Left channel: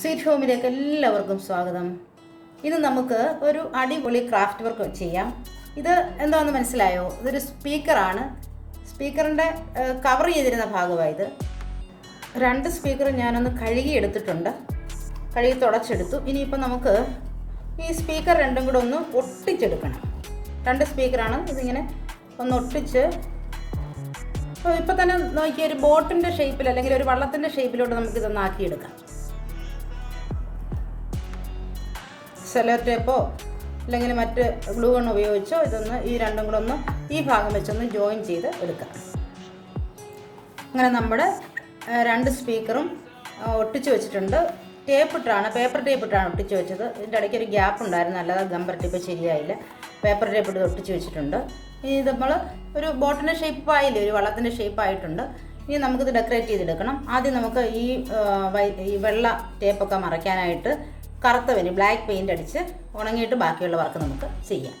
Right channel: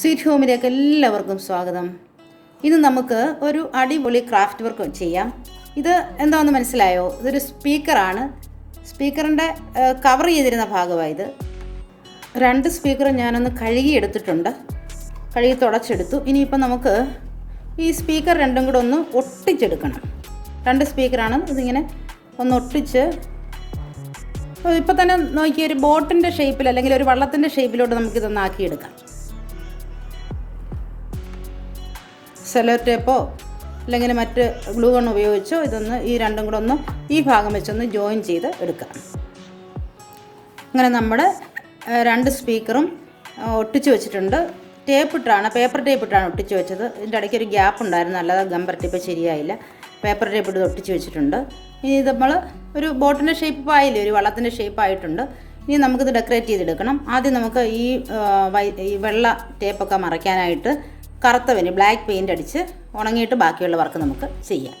Sweet ഹോമിലേക്ക് എല്ലാവർക്കും സ്വാഗതം. ഇത് നമുക്ക് ഒരു അടിപൊളി ക്രാഫ്റ്റ് വർക്ക് ചെയ്യാം. ഇത് എന്താണെന്ന് മനസ്സിലായോ? ഇതൊരു സ്പീക്കറാണ്. സ്പീക്കറിൻ്റെ കവർ ചെയ്തിരുന്ന ഭാഗമായത്. 2 സ്പീക്കർ ഞാനൊന്ന് കഴുകി എടുത്തിട്ടുണ്ട്, കഴുകി തുടച്ചെടുത്തു. ഇനിയിപ്പോൾ നമുക്ക് ഈ സ്പീക്കർ രണ്ടും കൂടെ ഒന്ന് ഒട്ടിച്ചെടുക്കണം. 2 സ്പീക്കറാണ്. ഇതിങ്ങനെ ഒന്ന് ഒട്ടിച്ച് ഇപ്പോൾ തന്നെ നോക്കിയ ഒരു ബോട്ടിൻ്റെ ഷേപ്പിൽ അല്ലെങ്കിൽ ഒരു വള്ളത്തിൻ്റെ ഷേപ്പിലോട്ട് നമുക്കിതൊന്ന് ആക്കിയെടുക്കാം. സെല്ലോ ടേപ്പോ അല്ലെങ്കിൽ മറ്റ് ഗ്ലൂ ഗൺ ഉപയോഗിച്ചോ ഇതൊന്ന് ഈ രണ്ടും കൂടെ ഒന്ന് ഈ ഭാഗം വെച്ചൊന്ന് ജോയിൻ ചെയ്ത് എടുക്കാം. അങ്ങനെ നമ്മുടെ 2 സ്പീക്കറും ഒട്ടിച്ച് വെച്ചിട്ടുണ്ട്. പേപ്പർ ടേപ്പ് ഇട്ടാണ് ഒട്ടിച്ച് വെച്ചത്. ഇതിൻ്റെ ഇടയ്ക്ക് ഒരു ഗ്യാപ്പ് ഉണ്ടായിരുന്നു, അല്ലാതെ ഗമ്പർ ടേപ്പ് ശരിയായില്ല. പേപ്പർ ടേപ്പ് ഇട്ട് ഒട്ടിച്ച് വെച്ചിട്ടുണ്ട്. ഇനി ഇത് നമ്മൾ ഒരു ബോട്ടിൻ്റെ ഷേപ്പ് ആയില്ലേ, ഒരു വള്ളത്തിൻ്റെ ഷേപ്പ് ആയിട്ടുണ്ട്. ഇനി നമുക്കിത് ഡെക്കറേറ്റ് ചെയ്തെടുക്കണം. ആദ്യം നമുക്ക് ഈ വെള്ള ടേപ്പൊക്കെ മറയ്ക്കാനായിട്ട് കറുത്ത ബ്ലാക്ക് പെയിൻ്റ് അടിച്ച് ഉണങ്ങിയിട്ട് ബാക്കിയുള്ള വർക്ക് നമുക്ക് ചെയ്യാം.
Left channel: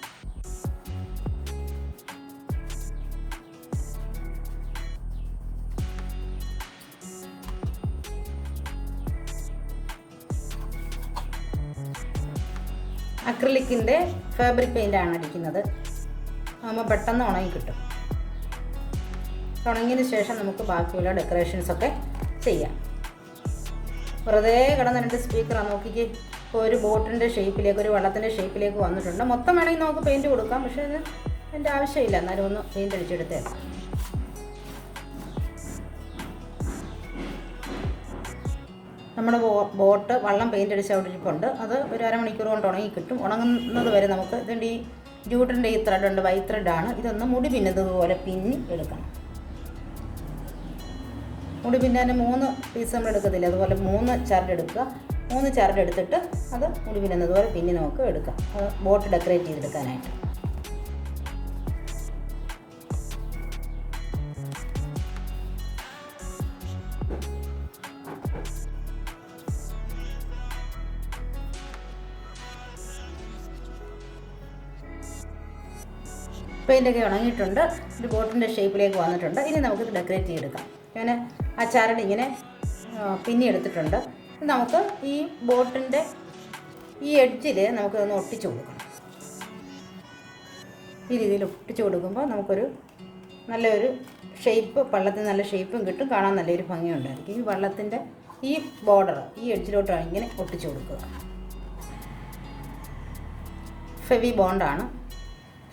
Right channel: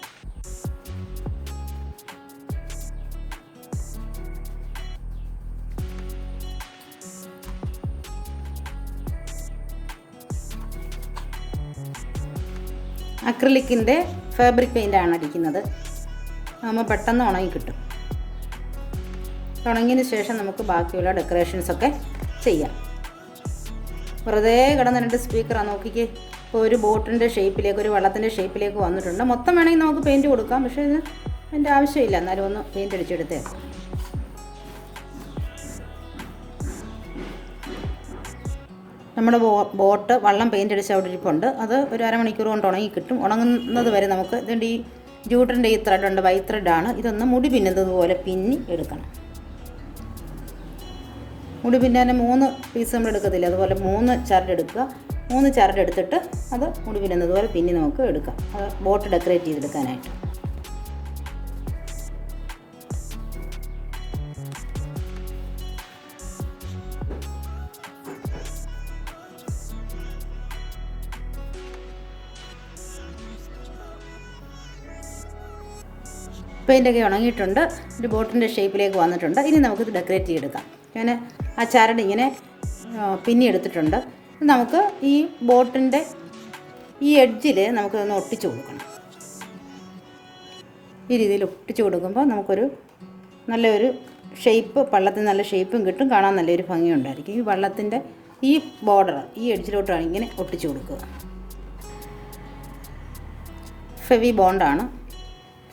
അക്രിലിക്കിൻ്റെ ഫാബ്രിക് പെയിൻ്റാണ് അടിക്കുന്നത്. നമ്മൾ പെട്ടെന്ന് ഉണങ്ങി കിട്ടും. ഉണങ്ങിയതിന് ശേഷം നമുക്ക് ബാക്കിയുള്ള ഡെക്കറേഷൻസൊക്കെ ചെയ്യാം. വെറുതെ കിടന്ന 2 സ്പീക്കറാണ്. നോക്കിക്ക്, ഇപ്പോൾ ഒരു ബോട്ടിൻ്റെ ഷേപ്പിലേക്ക്, ഒരു വെള്ളത്തിൻ്റെ ഷേപ്പിലേക്ക് വന്നിട്ടുണ്ട്. മൊത്തം വേണമെങ്കിൽ നമുക്ക് പെയിൻറ്റ് കൊടുക്കാം, പക്ഷേ ഇത് അതിൻ്റെ ആവശ്യമില്ല. എന്നാലും ഒന്ന് പെയിൻറ്റ് അടിച്ചെടുത്തേക്കാം. നമ്മുടെ ബോട്ട് വള്ളം പെയിൻറ്റ് അടിച്ച് അവിടെ ഇരിപ്പുണ്ട്. അത് ഒരു അരമണിക്കൂർ കൊണ്ട് ഉണങ്ങി കിട്ടും. ഉണങ്ങുന്നത് വരെ നമുക്ക് ഇതിൻ്റെ ഈ ജൂട്ടിൻ്റെ ഈ ത്രെഡുണ്ട്, വൈറ്റ് ത്രെഡാണ്. ഇതൊന്ന് മുടി പിന്നുന്നത് പോലെ പിന്നി എടുക്കണം. മുടി പിന്നാൻ 3 പീസ് നമ്മൾ എടുക്കത്തില്ല, അതുപോലെ 3 ചരട് എടുക്കുക. 3 ചരട് എടുത്തിട്ട് അത് മുടി പിന്നുന്നത് പോലെ പിന്നി നമുക്ക് എടുക്കാം, അത് ബോട്ട് ഡെക്കറേറ്റ് ചെയ്തെടുക്കാനായിട്ട്. പെയിൻ്റൊക്കെ ഉണങ്ങിയിട്ടുണ്ട്. ഒരു ബോട്ടിൻ്റെ ഷേപ്പിലേക്ക് വന്നിട്ടുണ്ട്. ഇനി നമുക്കിത് ഡെക്കറേറ്റ് ചെയ്തെടുക്കാം. ഞാൻ ആ ചരട് ഇങ്ങനെ പിന്നി എടുത്തിട്ടുണ്ട്. നമുക്ക് ഈ ബോട്ടിൻ്റെ ഈ എഡ്ജിൽ നമുക്കൊന്ന് ഒട്ടിച്ചു കൊടുക്കണം. ഈ രീതിയിൽ ഒട്ടിച്ചു കൊടുക്കുമ്പോൾ നമുക്കൊരു നല്ലൊരു ഷേപ്പ്, വള്ളത്തിന് നല്ല ഷേപ്പും കിട്ടും, കാണാൻ നല്ലൊരു ഭംഗിയുണ്ടായിരിക്കും. ഈ വള്ളത്തിൻ്റെ ഈ ബോർഡർ ഈ എഡ്ജിലോട്ടാണ് ഇങ്ങനെ ഒട്ടിച്ചു കൊടുക്കുക. ഫെവി ബോണ്ടാണ്.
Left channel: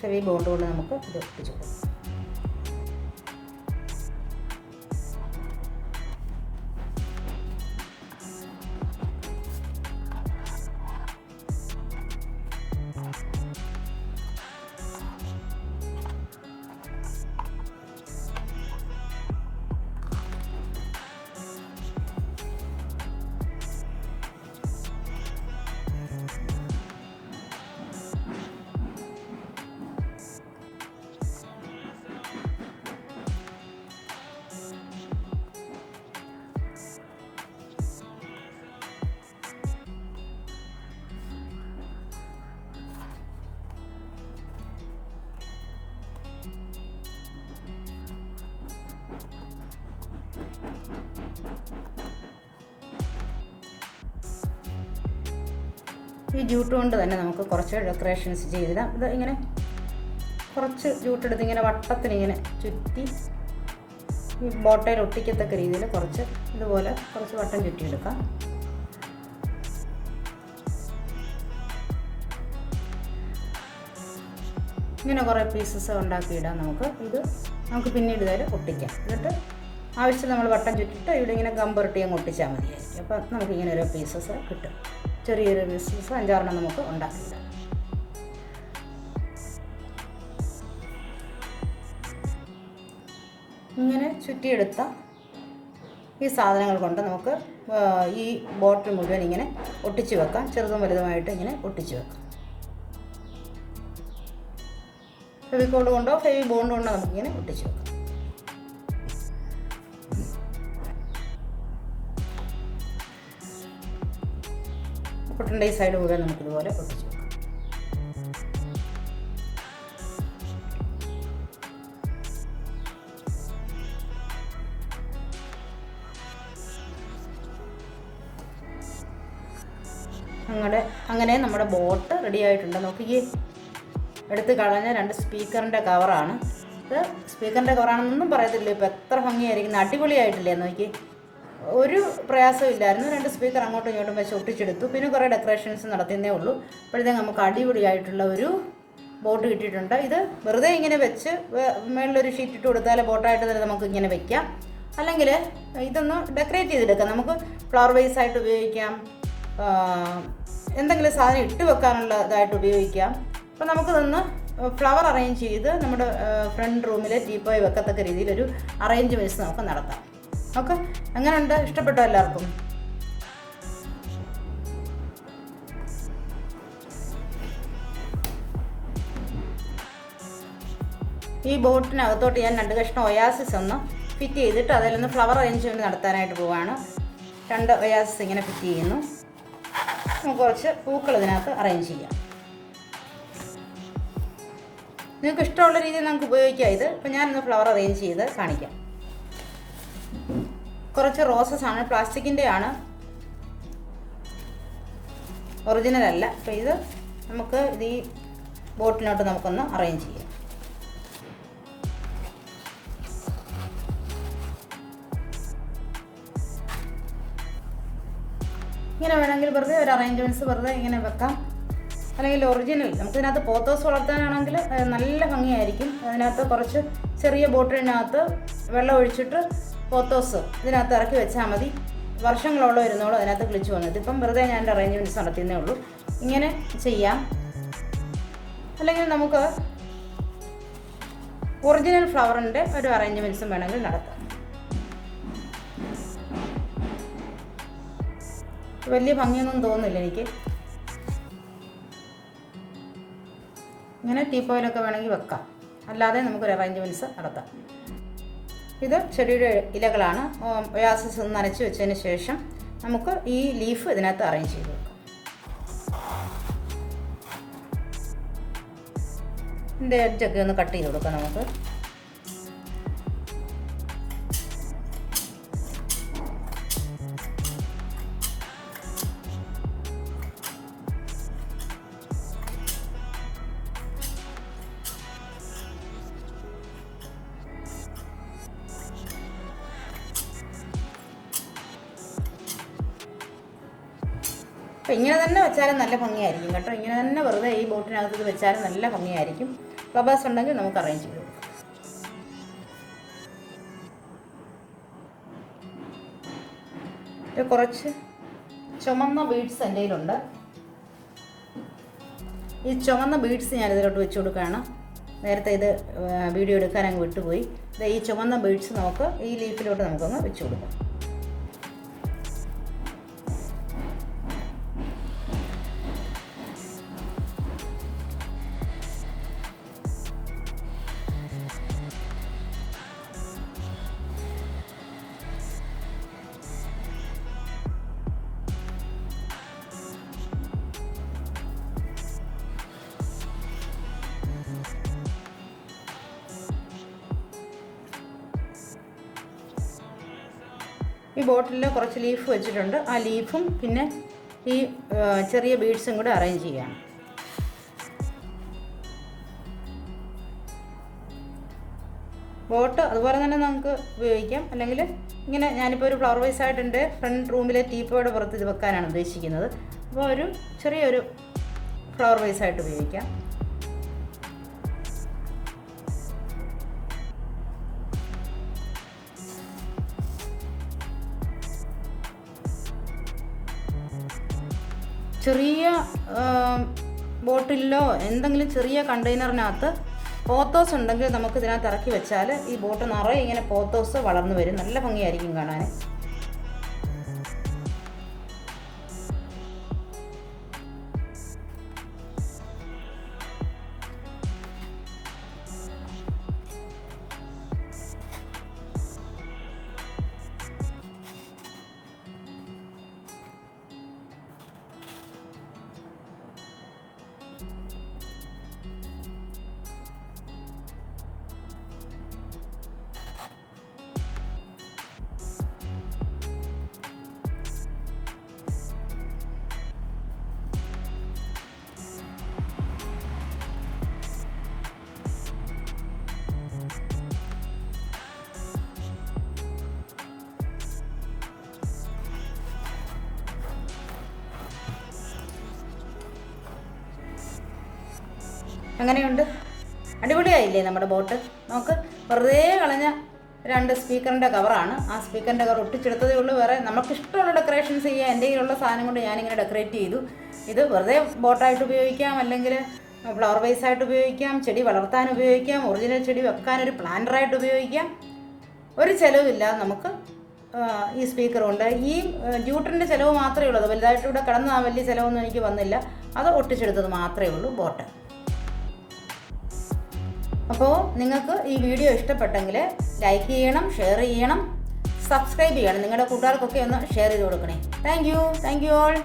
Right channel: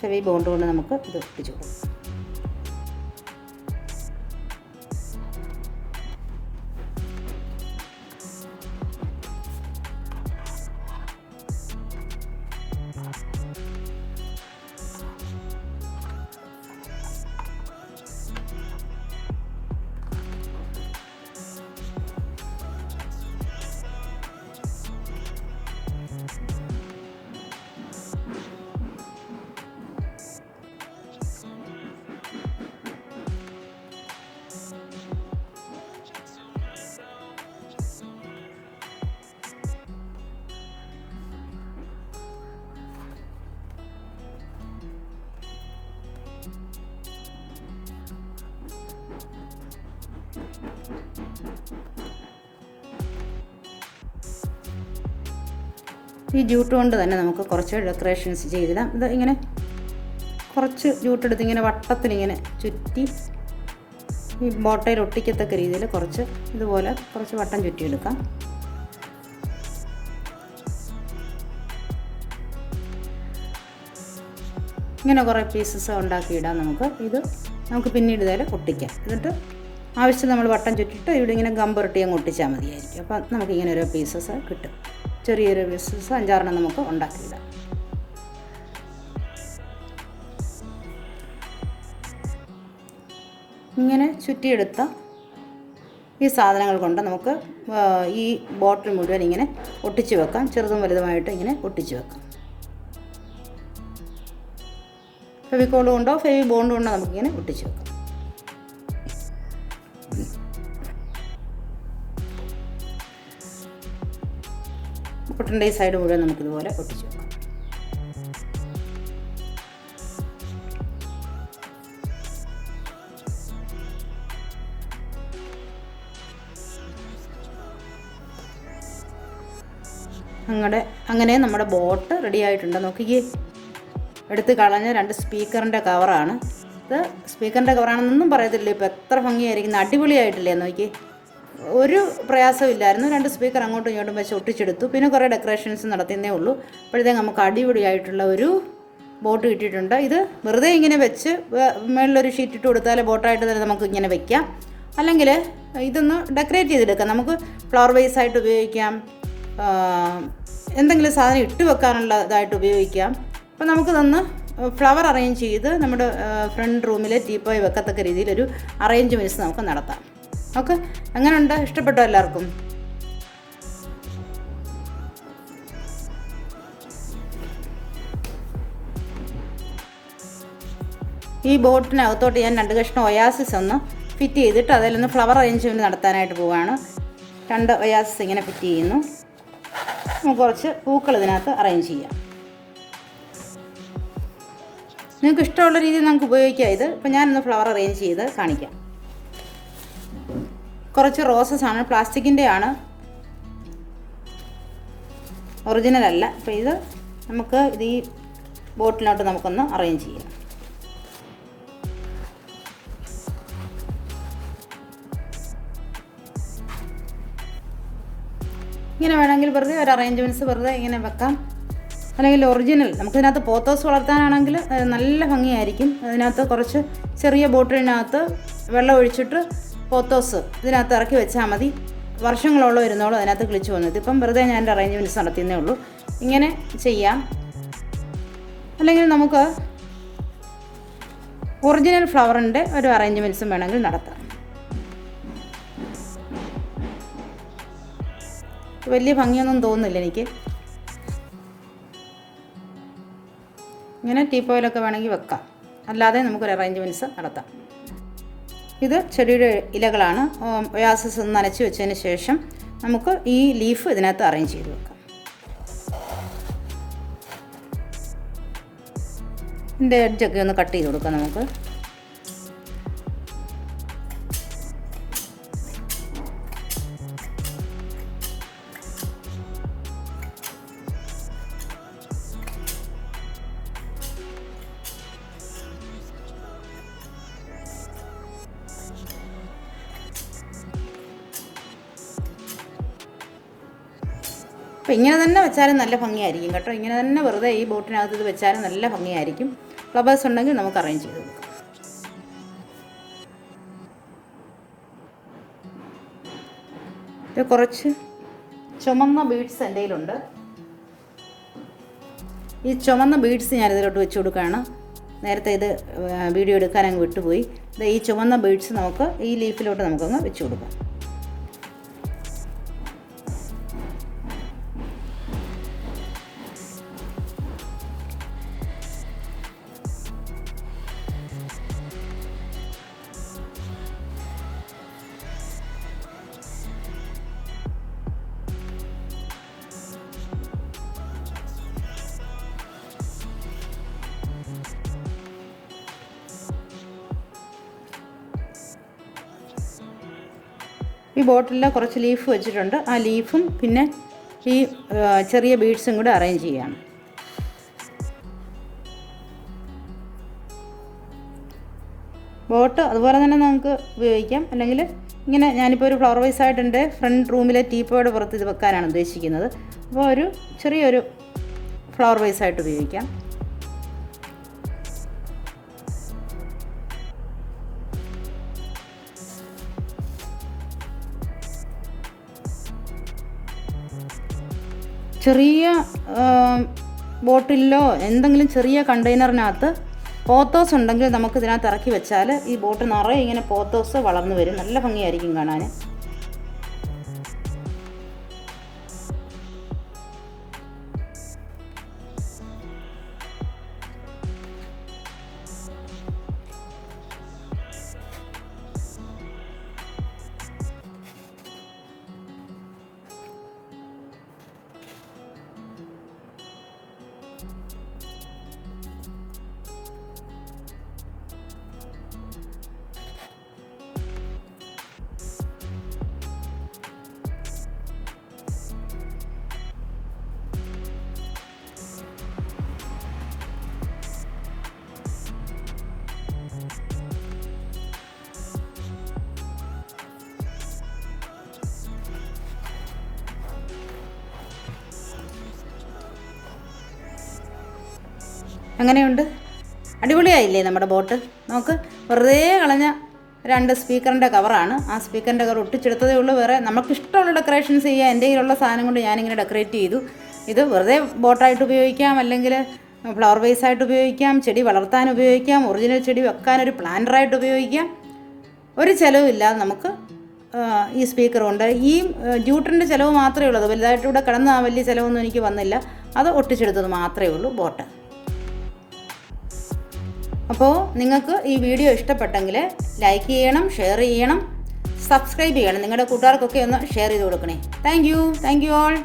ഫെവി ബോണ്ട് കൊണ്ട് നമുക്ക് ഇത് ഒട്ടിച്ചു കൊടുക്കാം. ഈ ജൂട്ട് കൊണ്ട് തന്നെ നമുക്ക് കുറച്ച് ഡെക്കറേഷൻസ് ചെയ്തിടാം. ഇത് ഇങ്ങനെ കുറച്ച് ജൂട്ടെടുത്ത് ഇങ്ങനെ വട്ടത്തിലിങ്ങനെ ചുറ്റി ഈ ബോട്ടയിൽ ഒട്ടിക്കത്തക്ക രീതിയിൽ കുറച്ച് ഇതുപോലെ കുറച്ച് വട്ടം ചുറ്റിയെടുക്കാം. ഇങ്ങനെ കുറേ പീസസ് ഉണ്ടാക്കിയിടാം. നമുക്ക് പിന്നീട് ഇതുവരെ ഒട്ടിക്കാം. എന്നിട്ട് ആവശ്യം നമ്മൾ വട്ടം ചുറ്റിട്ട് ഇവിടെ ഇങ്ങനെ ഗമ്പുരട്ടി അങ്ങ് ഒട്ടിച്ചാൽ മതിയായിരിക്കും. അപ്പം നമുക്കിങ്ങനെ ഓരോ പീസസ് കിട്ടും. ചെറിയൊരു പീസസ് 5-6 നമുക്ക് ഉണ്ടാക്കിയിടാം. ഇങ്ങനെ ചുറ്റിയെടുത്ത ഈ സാധനങ്ങൾ കൊണ്ട് നമുക്ക് ഈ ബോട്ടിൽ മുഴുവൻ ഇങ്ങനെ ഒട്ടിച്ച് വെക്കാം. ചെറുതും വലുതുമായിട്ട് ഇങ്ങനെ ഒട്ടിച്ച് വെക്കാം. ഫെവിക്കോൾ കൊണ്ടോ ഫെവി ബോണ്ട് കൊണ്ടോ നമുക്കിങ്ങനെ ഒട്ടിച്ച് വെക്കാം. ബോട്ടിൻ്റെ ഈ സൈഡ് മുഴുവൻ നമുക്കിതുപോലെ ഒട്ടിച്ച് വെക്കാം. അങ്ങനെ നമ്മുടെ ബോട്ട് റെഡി ആയിട്ടുണ്ട്. നോക്കിക്കേ, എടുത്ത് കളഞ്ഞ 2 സ്പീക്കറിൻ്റെ കവറാണ് ഇത്. സ്പീക്കറിൻ്റെ കവറാണെന്നൊന്നും പറയത്തില്ല, ഇപ്പോൾ എത്ര ഭംഗിയായിരിക്കുന്നു, അടിപൊളിയായിട്ടില്ലേ നോക്കി. ഒരു പ്രയാസമില്ലായിരുന്നു. 2 സ്പീക്കർ അങ്ങോട്ടും ഇങ്ങോട്ടും വെച്ച് ഒട്ടിച്ചെടുത്തു. പിന്നെ കുറേ ഡെക്കറേഷൻസ് നടത്തുന്നേ ഉള്ളൂ. അപ്പോഴത്തേക്ക് നമുക്ക് അടിപൊളിയായിട്ടുള്ള ഒരു ബോട്ട് കിട്ടിയിട്ടുണ്ട്. ഇത് വെറുതെ ഇങ്ങനെ വെച്ച് മുകളിലൊരു ഷീറ്റ് ഇട്ട് കൊടുത്താൽ ബോട്ടായിട്ട് തന്നെ നമുക്ക് ഇങ്ങനെ വെക്കാം. അല്ലെങ്കിൽ ഇതൊന്ന് ഡെക്കറേറ്റ് ചെയ്തെടുക്കാം. നമുക്ക് ഫ്ലവർ വേസ് ആയിട്ട് ഉപയോഗിക്കാം, എന്തെങ്കിലും സാധനം ഇട്ട് വെക്കാനുള്ള ഇതായിട്ട് ഉപയോഗിക്കാം. അപ്പോൾ നമുക്കിതൊന്ന് ഫ്ലവർ അറേഞ്ച് ചെയ്ത് നമ്മുടെ ഫ്രണ്ട് റൂമിൽ ടീപ്പോയി വെക്കത്തക്ക രീതിയിലൊരു അറേഞ്ച്മെൻറ്റ്സ് നമുക്ക് നടത്താം. നമുക്ക് എങ്ങനെയുണ്ട്? ഇഷ്ടപ്പെട്ടോ എല്ലാവർക്കും? ഈ ബോട്ടിനകത്തോട്ട് ഞാൻ 2 കഷ്ണം ഒയാസിസ് ഒന്ന് ഫിറ്റ് ചെയ്തിട്ട് അതിലൊന്ന് ഫ്ലവർ അറേഞ്ച്മെൻറ്റ് നടത്താനായിട്ട് പോവുകയാണ്. 2 ഒയാസിസ് ഇങ്ങനെ ഫിറ്റ് ചെയ്യുന്നു. നമുക്ക് കുറച്ച് പൂക്കൾ ഇതിനകത്ത് അറേഞ്ച് ചെയ്യാം. നിങ്ങൾക്ക് ഇഷ്ടമുള്ള രീതിയിൽ നമുക്ക് ഉപയോഗിക്കാം ഇത്. ഇപ്പോൾ ഞാനൊന്ന് ഫ്ലവർ അറേഞ്ച് ചെയ്ത് കാണിക്കാം. കുറച്ച് റോസസ് ആണ്, പ്ലാസ്റ്റിക്കിൻ്റെ ആണ്, ഒറിജിനൽ അല്ല. അപ്പോൾ ഇത് നമുക്ക് ഈ ബോട്ടിലോട്ട് നമുക്കൊന്ന് അറേഞ്ച് ചെയ്യാം. ഇങ്ങനെ വേണമെങ്കിൽ വെറുതെ ഒരു അറേഞ്ച്മെൻറ്റ്സ് വെറുതെ ഇങ്ങനെ വെക്കാം. അല്ലെങ്കിൽ ഒറിജിനൽ നമുക്കിതിനകത്ത് പോത്തോസ് വളർത്താനാണെങ്കിൽ നല്ല ഭംഗിയായിരിക്കും. അതിനകത്ത് കുറച്ച് ചെറിയ ബോട്ടിലിനകത്ത് വെള്ളം ഒഴിച്ചിട്ട് പോത്തോസ് ഇതിനകത്ത് ഇറക്കി വെച്ചാൽ മതി. വർഷങ്ങളോളം വരുന്നോളും അതിനകത്ത് കിളിച്ച് വന്നത്. ഇപ്പം വെറുതെ ഞാൻ എൻ്റെ അറേഞ്ച്മെൻറ്റ്സ് നടത്തുന്നേ ഉള്ളൂ. ഇങ്ങനെ ചെയ്യാം. അല്ലെങ്കിൽ നമുക്ക് ഒറിജിനൽ ഫ്ലവറിൻ്റെ ഒരു അറേഞ്ച്മെൻറ്റ്സും വേണമെങ്കിൽ നടത്താം. വലിയ ഭംഗിയൊന്നും തോന്നുന്നില്ല എനിക്ക്. ഇങ്ങനെ ടീപ്പോയിലൊക്കെ വേണമെങ്കിൽ വെക്കാം, അല്ലാതെ നമുക്കൊരു അറേഞ്ച്മെൻറ്റ്സ് നടത്താം. ഇത് ചെടിയുടെ ഇലകളാണ്. ഒയാസിസ് നനച്ച് വെച്ചതിന് ശേഷം നമുക്ക് ഈ ലീഫ് ഇതിനകത്ത് അറേഞ്ച് ചെയ്ത് വെക്കാം. ഇതിൻ്റെ എഡ്ജൊക്കെ ഒന്ന് കട്ട് ചെയ്ത് കൊടുക്കാം നമുക്ക്. അപ്പോൾ ഇങ്ങനെ തന്നെ വെച്ചാലും നല്ല ഭംഗിയായിരിക്കും കേട്ടോ. ഇങ്ങനെ തന്നെ വെറുതെ ഈ ബോട്ടിനകത്ത് ഇത് വെച്ചാലും നല്ല ഭംഗിയായിരിക്കും. ഫ്ലവേഴ്സ് ഉണ്ടെങ്കിൽ നമുക്ക് അറേഞ്ച് ചെയ്ത് കൊടുക്കാം. ഇത് കുറച്ച് ചുമന്ന ബീഡ്സ് എൻ്റെ കയ്യിലുണ്ട്. ഈ ചുമന്ന ബീഡ്സ് ഞാനിതിലോട്ട് വെച്ച് കൊടുക്കുകയാണ്. നേരത്തെ ഇത് വീഡിയോ എടുക്കാൻ അങ്ങ് വിട്ടുപോയി. ഇത് ഈ ചുമന്ന ബീഡ്സ് നമുക്ക് ഈ ലീഫിലോട്ട് നമുക്കൊന്ന് വെച്ച് കൊടുക്കാം. ഈ ബോട്ടിലിൽ കുറച്ച് ലീഫ് വെച്ചിട്ടുണ്ട്. ആ ലീഫും പിന്നെ ഈ ചെറിയ ബീഡ്സും കൂടെ അറേഞ്ച് ചെയ്യണം. ബോട്ട് അതുപോലെ തന്നെ നമുക്ക് ഉപയോഗിക്കാം. അല്ലെങ്കിൽ ഇങ്ങനെ ഞാനിപ്പോൾ ഒരു ഫ്ലവർ വൈസ് ആയിട്ട് എൻ്റെ ഫ്രണ്ട് റൂമിലെ ടീപ്പോയുടെ പുറത്ത് ഇത് വെക്കാനാണ് ഉദ്ദേശിക്കുന്നത്. അപ്പോൾ ഒരു ചെറിയൊരു ഫ്ലവർ വൈസ് ആയിട്ട് ഉപയോഗിക്കാം. ചെറിയ ബോട്ടിലോ എന്തെങ്കിലും ചെറിയ കണ്ടെയ്നറിനകത്ത് പോത്തോസ് ഉണ്ടെങ്കിൽ നമുക്ക് ഇതിനകത്ത് ഇറക്കി വെച്ചാൽ ഈ ബോട്ട് നിറയെ ഇങ്ങനെ പോത്തോസ് വളർന്നു വരും. നല്ല ഭംഗിയായിരിക്കും കാണാൻ. എങ്ങനെയുണ്ട്? അടിപൊളിയായില്ലേ നമ്മുടെ ബോട്ട്? നമുക്ക് വെറുതെ കളഞ്ഞ 2 സ്പീക്കറിൻ്റെ കവറാണ്. ആ സ്പീക്കറിൻ്റെ കവർ ഒട്ടിച്ചെടുത്തതേ ഉള്ളൂ. വേറെ നമുക്ക് ഇഷ്ടമുള്ള ഡെക്കറേഷൻസ് ചെയ്യാം. എൻ്റെ കയ്യിലുള്ള സാധനം കൊണ്ട് ഞാനിങ്ങനെ ഡെക്കറേറ്റ് ചെയ്തു. ഇത് വെറുതെ ബോട്ടായിട്ട് ഉപയോഗിക്കാം, അല്ലെങ്കിൽ ഫ്ലവർ വേസായിട്ട് ഉപയോഗിക്കാം, ചെടി വളർത്താൻ ഉപയോഗിക്കാം, ഒറിജിനൽ ചെടി വെക്കാനൊരു പ്ലാന്ററായിട്ട് ഉപയോഗിക്കാം. ഒരു ചിലവില്ലാതെ നമുക്ക് ഈ സ്പീക്കർ കൊണ്ട് ഈ ജൂട്ടറിൻ്റെ ചിലവ് മാത്രമേ ഉള്ളൂ. വലുതായിട്ട് ഇവിടെ കിടന്ന വലിയ ചിലവൊന്നും എനിക്ക് വന്നില്ല. അത് ഒട്ടിച്ചെടുത്തത് മാത്രമേ ഉള്ളൂ ബോട്ട്. അപ്പോൾ നിങ്ങൾക്ക് ഈ വീഡിയോ ഇഷ്ടപ്പെട്ടെങ്കിൽ ലൈക്ക് ചെയ്യണം, ഷെയർ ചെയ്യണം, സബ്സ്ക്രൈബ് ചെയ്യണം. നിങ്ങളുടെ കൂട്ടുകാർക്കൊക്കെ ഒന്ന് ഷെയർ ചെയ്ത് കൊടുക്കണേ. Thank you all.